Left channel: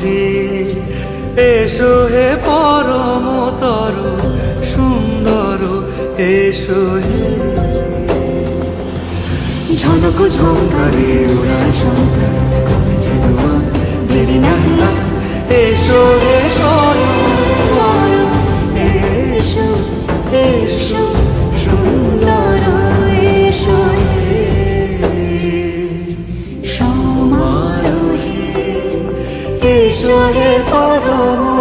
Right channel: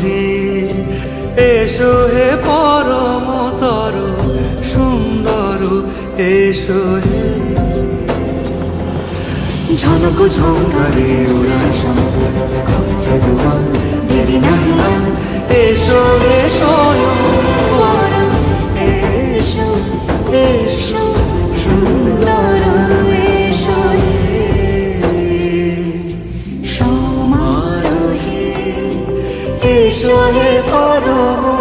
হে, এসো হে পরমতর সুন্দর, এসো হে। ঝনক ঝঙ্কারে উড়ায় শঙ্কার, কমেছে দুয়ার, দেরি নাহি আর, এসো হে স্বয়ংবর, এসো এসো সুন্দর, এসো হে সমারোহে, এসো হে পরম